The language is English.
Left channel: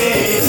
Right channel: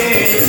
Thank you.